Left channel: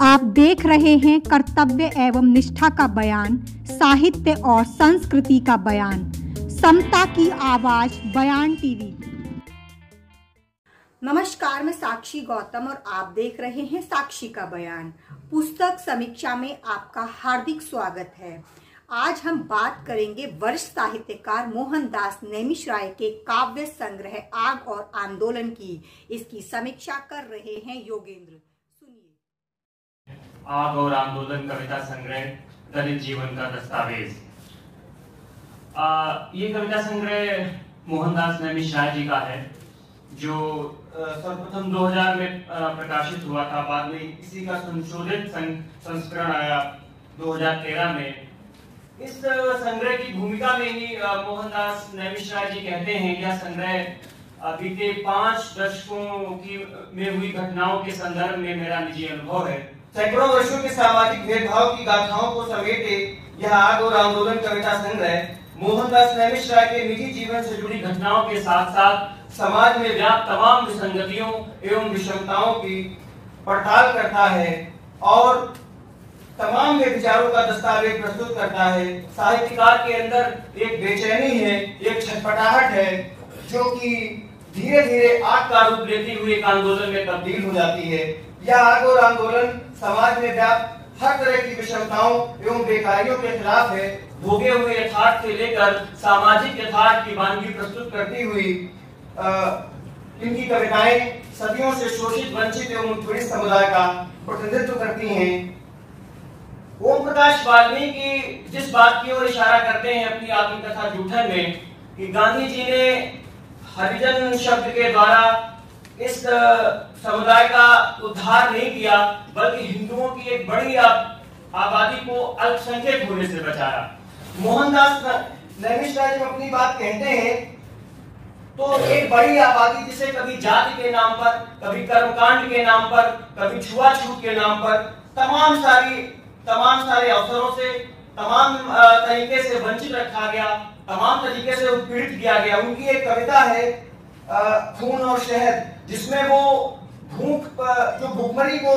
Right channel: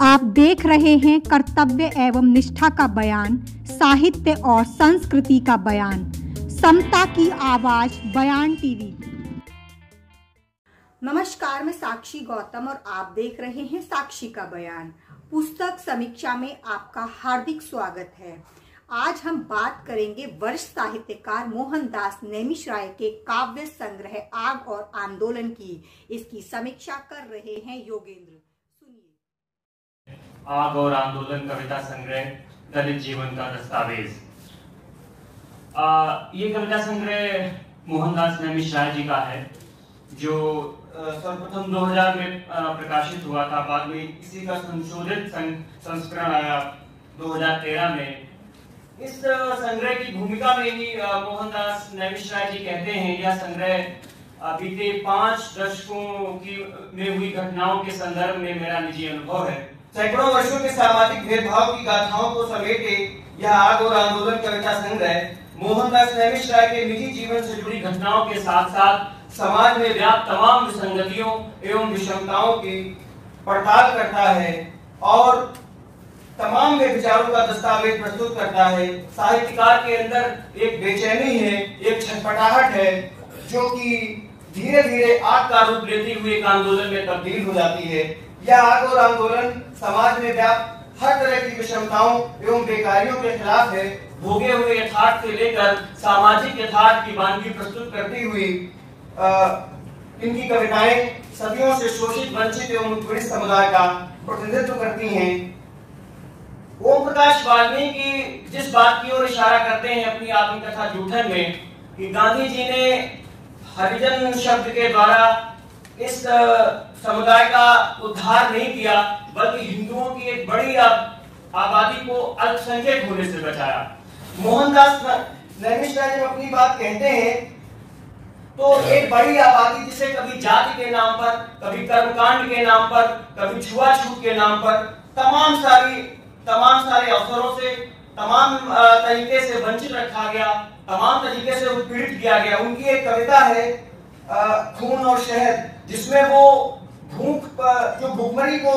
आप देख रहे हैं कर्तव्य एवं निष्ठा का बयान, साहित्य और संस्कृति का बयान, समता की आवाज बयान टीवी। नमस्कार, मैं साक्षी गौतम और आप देख रहे हैं साक्षी का बयान। पुस्तक समीक्षा में आपका हार्दिक स्वागत है। आज हम बात करेंगे वरिष्ठ साहित्यकार मोहनदास नैमिषारण्य के काव्य संग्रह आग और आंदोलन की। इसकी समीक्षा कर रहे हैं योगेंद्र। सुनिए। आग और आंदोलन कविता संग्रह, दलित जीवन का दस्तावेज। ये कविता संग्रह मोहनदास नैमिषारण्य जी का है, जो सर्वप्रथम 2000 में प्रकाशित हुआ था। बाद में इसी का संशोधित संस्करण आया 2013 में। इस संग्रह की भूमिका में ही मोहनदास नैमिषारण्य जी कहते हैं, यह संग्रह बीते 5 दशकों में हुई घटनाओं के संदर्भ में मेरा निजी अनुभव है। सैकड़ों वर्षों के सामाजिक भेदभाव की गाथाओं को समेटे यह आग और आंदोलन कविता संग्रह मोहनदास नैमिषारण्य के निजी जीवन से जुड़ी घटनाओं के साथ साथ समाज में व्याप्त तमाम विसंगतियों एवं विषमताओं की पड़ताल करता है और तमाम विचारों का दस्तावेज प्रस्तुत करता है। साहित्यकार के अंदर एक बेचैनी है, एक छटपटाहट है, जो कि धीरे धीरे आग का रूप लेती हुई एक आंदोलन में तब्दील हो जाती है। यह आग और आंदोलन समाज में व्याप्त हर तरह की विषमताओं एवं बेकारियों के खिलाफ है। भोगे हुए यथार्थ से लेकर सामाजिक यथार्थ की वानगी प्रस्तुत करती हुई इनकी कविताएं सदियों से शोषित, वंचित एवं उत्पीड़ित समुदाय का प्रतिनिधित्व करती हैं। ओम प्रकाश वाल्मीकि जिस बात की ओर इशारा करते हैं अपनी आत्मकथा जूठन में, कि गांधी जी ने हरिजन शब्द के द्वारा इस समुदाय का उद्धार नहीं किया, बल्कि हिंदुओं की एक बड़ी आबादी को अल्पसंख्यक होने से बचाया। मोहनदास नैमिषारण्य जब अपनी बात कहते हैं तो एक बड़ी आबादी जिसे कभी जाति के नाम पर, कभी कर्मकांड के नाम पर, कभी छुआछूत के नाम पर तमाम सारे अवसरों से, तमाम तरीके से वंचित रखा गया, तमाम तरीके से उत्पीड़ित किया गया। उनकी एक कविता है खून और शहद, जिसमें वो जो भूखमरी को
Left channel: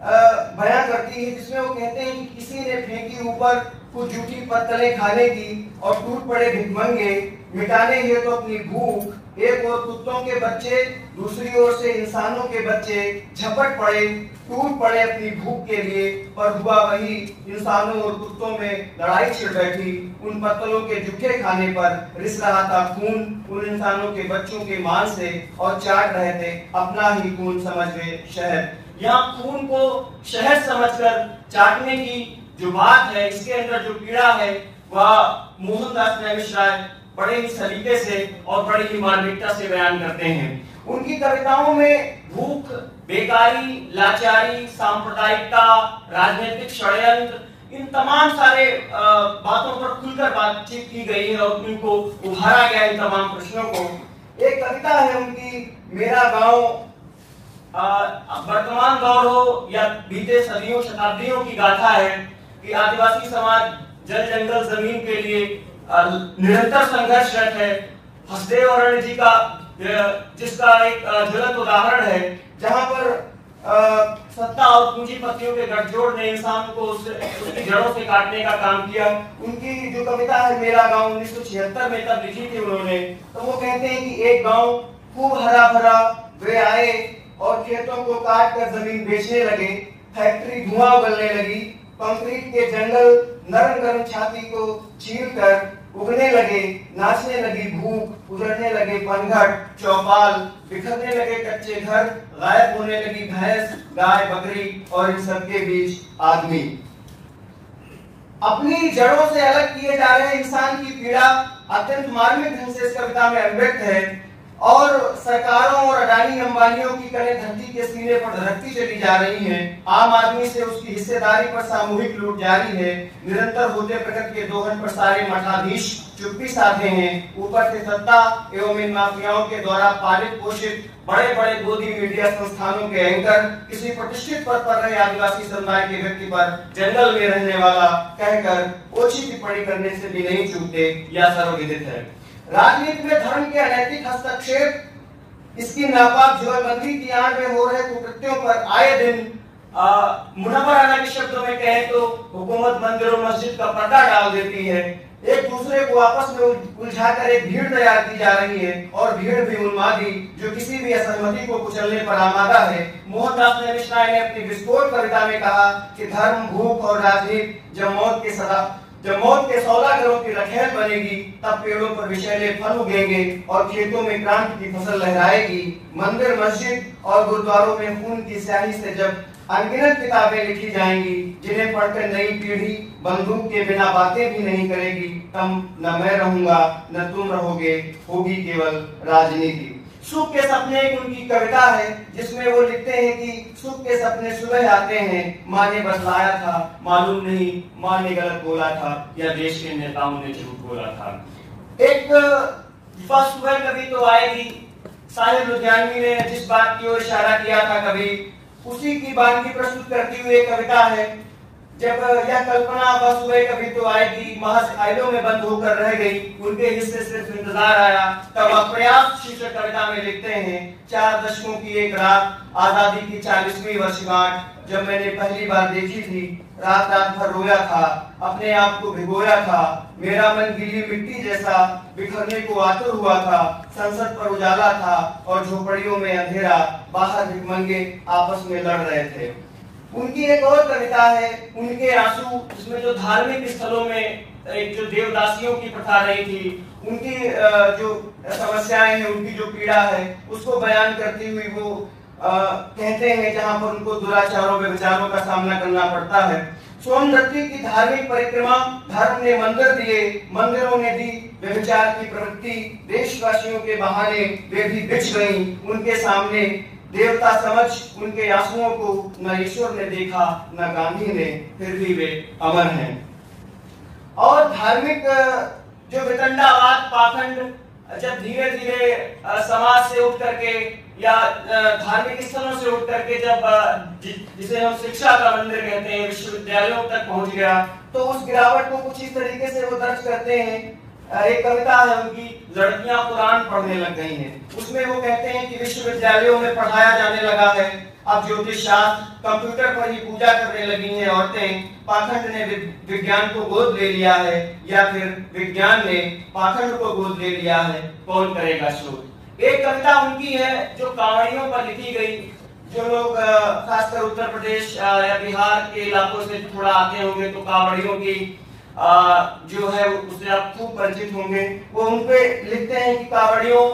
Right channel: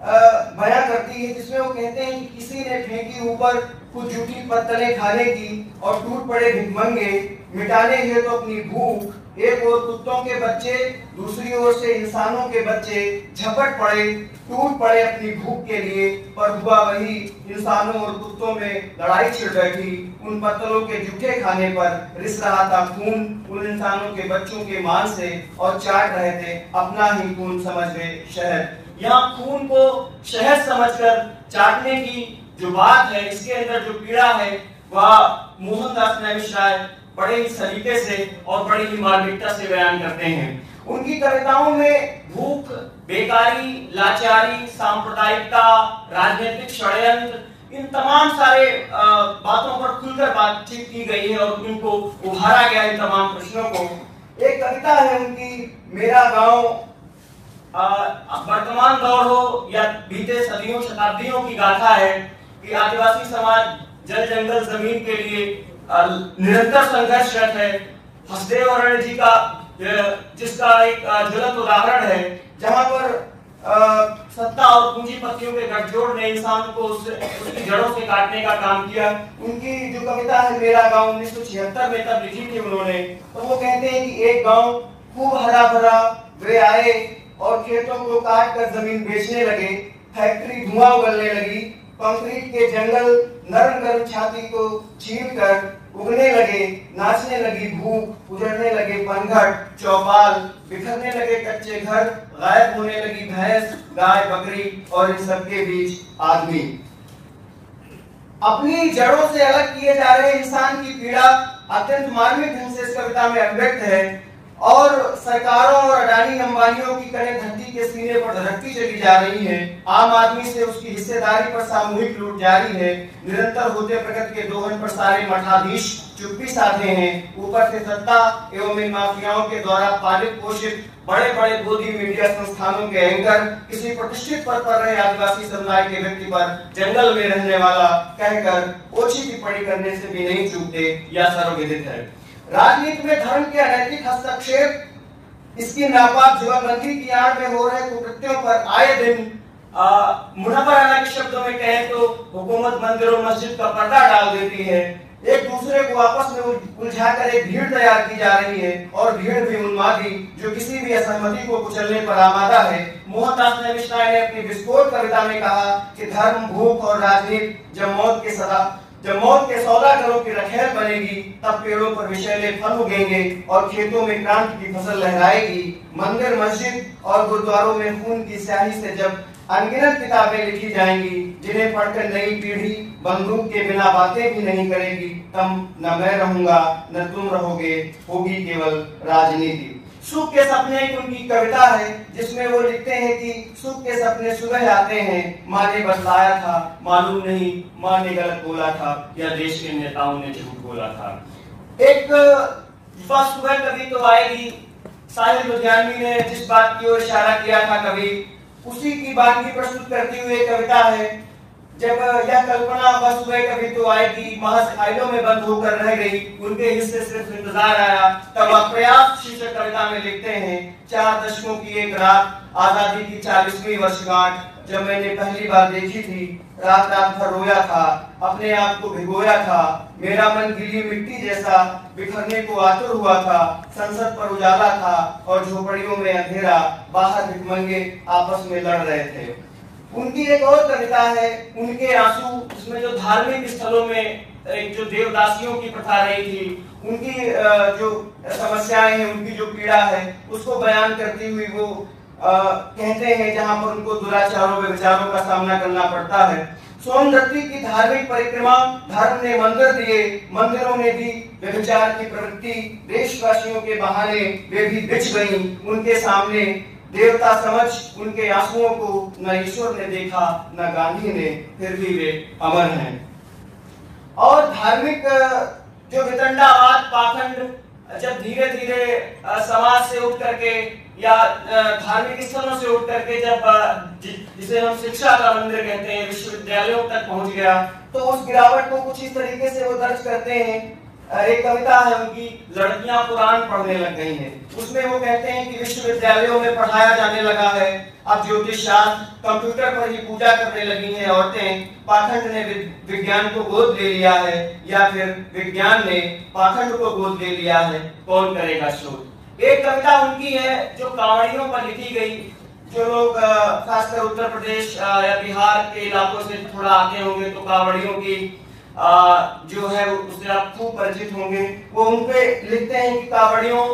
बयां करती है, जिसमें वो कहते हैं कि किसी ने फेंकी ऊपर कुछ जूठी पत्तलें खाने की और टूट पड़े भिखमंगे, मिटाने हैं तो अपनी भूख। एक ओर कुत्तों के बच्चे, दूसरी ओर से इंसानों के बच्चे झपट पड़े, टूट पड़े अपनी भूख के लिए, पर हुआ वही, इंसानों और कुत्तों में लड़ाई छिड़ बैठी। उन पत्तलों के जूठे खाने पर रिस रहा था खून उन इंसानों के बच्चों के मान से, और चाट रहे थे अपना ही खून समझ गए शहद। यहाँ खून को शहद समझकर चाटने की जो बात है, इसके अंदर जो पीड़ा है, वह मोहनदास नैमिषारण्य बड़े ही सलीके से और बड़ी ही मार्मिकता से बयान करते हैं। उनकी कविताओं में भूख, बेकारी, लाचारी, सांप्रदायिकता, राजनीतिक षड्यंत्र, इन तमाम सारे बातों पर खुलकर बातचीत की गई है और उनको उभारा गया इन तमाम प्रश्नों को। एक कविता है उनकी, मेरा गांव, वर्तमान दौर हो या बीते सदियों शताब्दियों की गाथा है कि आदिवासी समाज जल जंगल जमीन के लिए निरंतर संघर्षरत है। हसदेव अरण्य जी का जिसका एक ज्वलंत उदाहरण है, जहां पर सत्ता और पूंजीपतियों के गठजोड़ ने इंसान को उसकी जड़ों से काटने का काम किया। उनकी जो कविता है मेरा गांव 1976 में तब लिखी थी उन्होंने, तो वो कहते हैं कि एक गांव खूब हरा भरा, वे आए और खेतों को काट कर जमीन बेचने लगे, फैक्ट्री धुआं उगलने लगी, कंक्रीट के जंगल नरम नरम छाती को चीर कर उगने लगे, नाचने लगी भूख, उजड़ने लगे पनघट चौपाल, बिखरने लगे कच्चे घर, गायब होने लगी भैंस, गाय, बकरी, और इन सबके बीच आदमी। अपनी जड़ों से अलग किए जा रहे इंसान की पीड़ा अत्यंत मार्मिक ढंग से इस कविता में अभिव्यक्त है, और सरकारों और अडानी अंबानियों की कड़े धरती के सीने पर धड़कती चली जा रही है। आम आदमी से उसकी हिस्सेदारी पर सामूहिक लूट जारी है। निरंतर होते प्रगति के दोहन पर सारे मठाधीश चुप्पी साधे हैं। ऊपर से सत्ता एवं इन माफियाओं के द्वारा पालित पोषित बड़े बड़े गोदी मीडिया संस्थानों के एंकर किसी प्रतिष्ठित पद पर रहे आदिवासी समुदाय के व्यक्ति पर जंगल में रहने वाला कहकर ओछी टिप्पणी करने से भी नहीं चूकते, या सर्वविदित है। राजनीति में धर्म के अनैतिक हस्तक्षेप, इसकी नापाक जुबानबंदी की आड़ में हो रहे कुकृत्यों पर आए दिन मुनव्वर अना के शब्दों में कहें तो हुकूमत मंदिरों मस्जिद का पर्दा डाल देती है, एक दूसरे को आपस में उलझाकर एक भीड़ तैयार की जा रही है और भीड़ भी उन्मादी जो किसी भी असहमति को कुचलने पर आमादा है। मोहनदास नेमिशाह ने अपनी विस्फोट कविता में कहा कि धर्म, भूख और राजनीति जब मौत के सौदागरों की रखेल बनेगी, तब पेड़ों पर विषैले फल उगेंगे और खेतों में क्रांति की फसल लहराएगी। मंदिर, मस्जिद और गुरुद्वारों में खून की स्याही से जब अनगिनत किताबें लिखी जाएंगी, जिन्हें पढ़कर नई पीढ़ी बंदूक के बिना बातें भी नहीं करेगी, तब न मैं रहूंगा न तुम रहोगे, होगी केवल राजनीति। सुख के सपने एक उनकी कविता है जिसमें वो लिखते हैं कि सुख के सपने सुबह आते हैं, माँ ने बतलाया था, मालूम नहीं माँ ने गलत बोला था या देश के नेताओं ने झूठ बोला था। एक बस सुबह कभी तो आएगी, साहिल लुधियानवी ने जिस बात की ओर इशारा किया था कभी, उसी की बातगी प्रस्तुत करती हुई कविता है। जब यह कल्पना बस सुबह कभी तो आएगी महज ख्यालों में बंद होकर रह गई, उनके हिस्से सिर्फ इंतजार आया, तब अप्रयास शीर्षक कविता में लिखते हैं, 4 दशकों की एक रात, आजादी की 40वीं वर्षगांठ, जब मैंने पहली बार देखी थी, रात रात भर रोया था, अपने आप को भिगोया था, मेरा मन गीली मिट्टी जैसा बिखरने को आतुर हुआ था, संसद पर उजाला था और झोपड़ियों में अंधेरा, बाहर भिखमंगे आपस में लड़ रहे थे। उनकी एक और कविता है उनके आंसू, जिसमें जो धार्मिक स्थलों में एक जो देवदासियों की प्रथा रही थी, उनकी जो समस्याएं हैं, उनकी जो पीड़ा है, उसको बयान करती हुई वो कहते हैं जहां पर उनको दुराचारों व्यभिचारों का सामना करना पड़ता है। सोनदत्ती की धार्मिक परिक्रमा, धर्म ने मंदिर दिए, मंदिरों ने दी व्यभिचार की प्रवृत्ति, देशवासियों के बहाने वे भी बिछ गई, उनके सामने देवता समझ उनके आंसुओं को न ईश्वर ने देखा न गांधी ने, फिर भी वे अमर हैं। और धार्मिक जो वितंडावाद, पाखंड जब धीरे धीरे समाज से उठ करके या धार्मिक स्थलों से उठ करके जब जिसे हम शिक्षा का मंदिर कहते हैं, विश्वविद्यालयों तक पहुंच गया, तो उस गिरावट को कुछ इस तरीके से वो दर्ज करते हैं। एक कविता है उनकी, लड़कियां कुरान पढ़ने लग गई हैं। उसमें वो कहते हैं कि विश्वविद्यालयों में पढ़ाया जाने लगा है, अब ज्योतिष शास्त्र, कंप्यूटर पर ही पूजा करने लगी हैं औरतें, पाखंड ने विज्ञान को गोद ले लिया है या फिर विज्ञान ने पाखंड को गोद ले लिया है, कौन करेगा शोध। एक कविता उनकी है जो कांवड़ियों पर लिखी गई, जो लोग खासकर उत्तर प्रदेश या बिहार के इलाकों से थोड़ा आते होंगे तो कांवड़ियों की जो है उससे आप खूब परिचित होंगे। वो उनपे लिखते हैं कि कांवड़ियों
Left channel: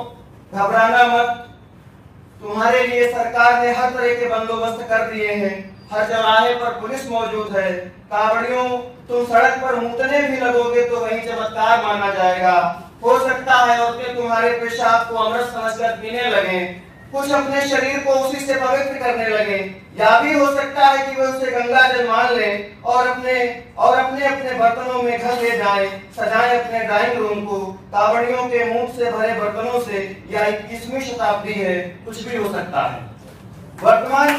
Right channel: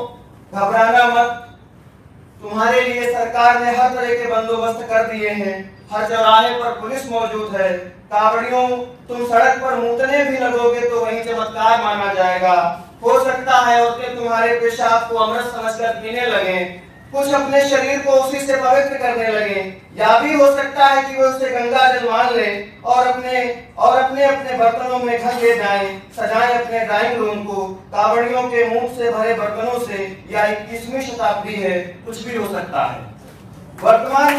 घबराना मत, तुम्हारे लिए सरकार ने हर तरह के बंदोबस्त कर दिए हैं, हर चौराहे पर पुलिस मौजूद है, कांवड़ियों तुम सड़क पर मूतने भी लगोगे तो वही चमत्कार माना जाएगा। हो सकता है औरतें तुम्हारे पेशाब को अमृत समझकर पीने लगे, कुछ अपने शरीर को उसी से पवित्र करने लगे, या भी हो सकता है कि वे उसे गंगा जल मान ले और अपने बर्तनों में घर ले जाएं, सजाएं अपने ड्राइंग रूम को कांवड़ियों के मुंह से भरे बर्तनों से, या 21वीं शताब्दी है, कुछ भी हो सकता है। वर्तमान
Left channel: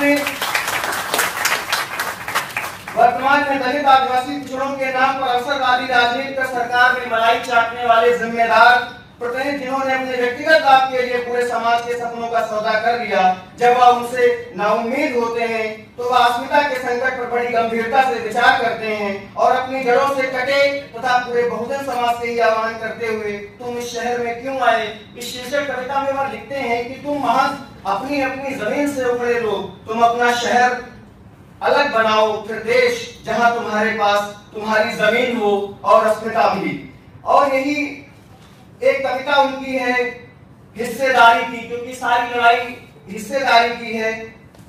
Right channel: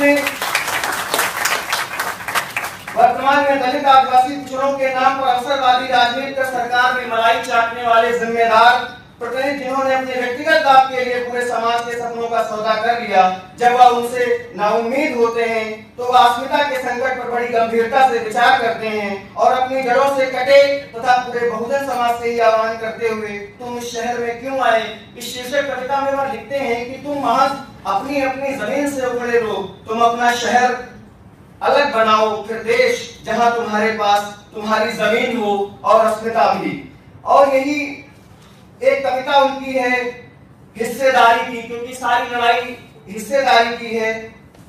में दलित आदिवासी पिछड़ों के नाम पर अवसरवादी राजनीति कर सरकार में मलाई चाटने वाले जिम्मेदार प्रतिनिधि जिन्होंने अपने व्यक्तिगत लाभ के लिए पूरे समाज के सपनों का सौदा कर लिया, जब वह उनसे नाउम्मीद होते हैं तो वह अस्मिता के संकट पर बड़ी गंभीरता से विचार करते हैं और अपनी जड़ों से कटे तथा पूरे बहुजन समाज से ही आह्वान करते हुए तुम इस शहर में क्यों आए, इस शीर्षक कविता में वह लिखते हैं कि तुम महज अपनी अपनी जमीन से उखड़े लोग, तुम अपना शहर अलग बनाओ, फिर देश जहां तुम्हारे पास तुम्हारी जमीन हो और अस्मिता भी। और यही एक कविता उनकी है हिस्सेदारी की, क्योंकि सारी लड़ाई हिस्सेदारी की है,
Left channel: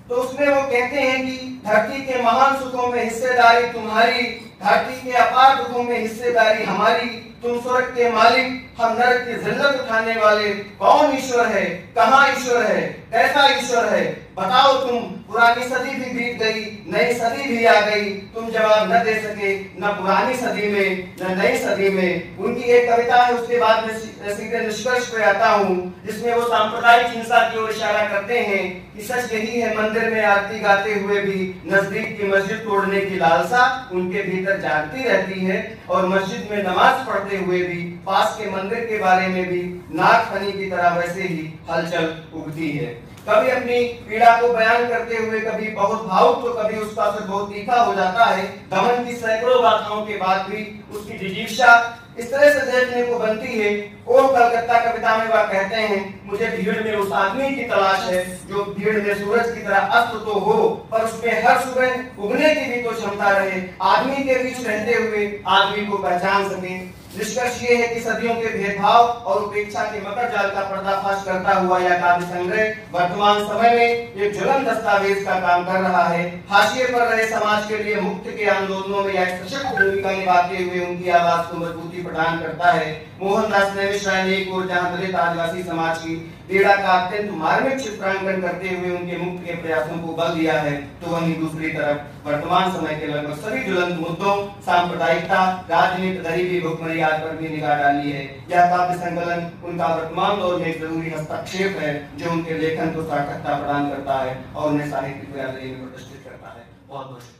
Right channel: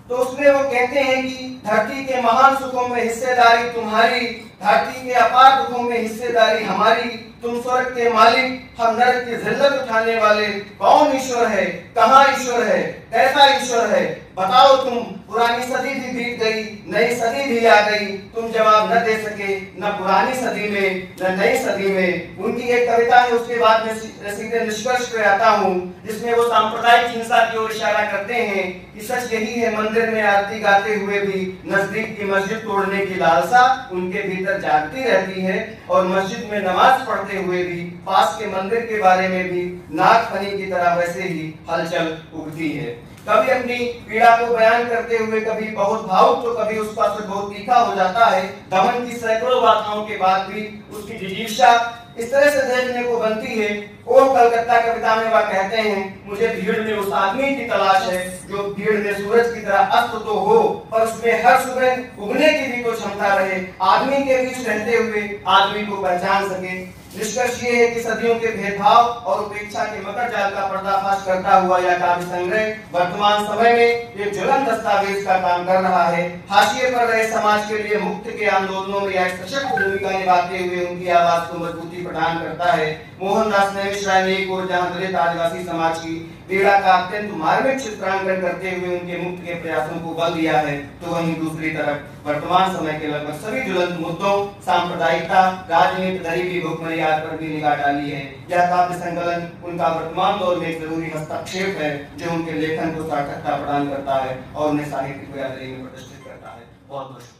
तो उसमें वो कहते हैं कि धरती के महान सुखों में हिस्सेदारी तुम्हारी, धरती के अपार दुखों में हिस्सेदारी हमारी, तुम स्वर्ग के मालिक, हम नरक की जिल्लत उठाने वाले, कौन ईश्वर है, कहाँ ईश्वर है, कैसा ईश्वर है, बताओ तुम। पुरानी सदी भी बीत गई, नई सदी भी आ गई, तुम जवाब न दे सके, न पुरानी सदी में न नई सदी में। उनकी एक कविता है, उसके बाद में सीधे निष्कर्ष पे आता हूँ, जिसमें वो सांप्रदायिक हिंसा की ओर इशारा करते हैं कि सच यही है, मंदिर में आरती गाते हुए भी नजदीक की मस्जिद तोड़ने की लालसा उनके भीतर जागती रहती है, और मस्जिद में नमाज पढ़ते हुए भी पास के मंदिर के बारे में भी नाक फनी की तरह वैसे ही हलचल उगती है। कभी अपनी पीड़ा को बयान करते हुए कभी बहुत भावुक तो कभी उसका स्वर बहुत तीखा हो जाता है। दमन की सैकड़ों गाथाओं के बाद भी उसकी जिजीविषा इस तरह से देखने को बनती है। और कलकत्ता कविता में वह कहते हैं, मुझे भीड़ में उस आदमी की तलाश है जो भीड़ में सूरज की तरह अस्त तो हो पर उसमें हर सुबह उगने की भी तो क्षमता रहे, आदमी के बीच रहते हुए आदमी को पहचान सके। निष्कर्ष ये है कि सदियों के भेदभाव और उपेक्षा के मकर जाल का पर्दाफाश करता हुआ यह काव्य संग्रह वर्तमान समय में एक ज्वलंत दस्तावेज का काम कर रहा है। हाशिए पर रहे समाज के लिए मुक्ति के आंदोलनों में एक सशक्त भूमिका निभाते हुए उनकी आवाज को मजबूती प्रदान करता है। मोहनदास नैमिषारण्य ने एक ओर जहां दलित आदिवासी समाज की पीड़ा का अत्यंत मार्मिक चित्रांकन करते हुए उनके मुक्ति के प्रयासों को बल दिया है, तो वहीं दूसरी तरफ वर्तमान समय के लगभग सभी ज्वलंत मुद्दों, सांप्रदायिकता, राजनीति, गरीबी, भुखमरी आदि पर भी निगाह डाली है। यह काव्य संकलन उनका वर्तमान दौर में एक जरूरी हस्तक्षेप है जो उनके लेखन को सार्थकता प्रदान करता है और उन्हें साहित्यिक में प्रतिष्ठित करता है। बहुत बहुत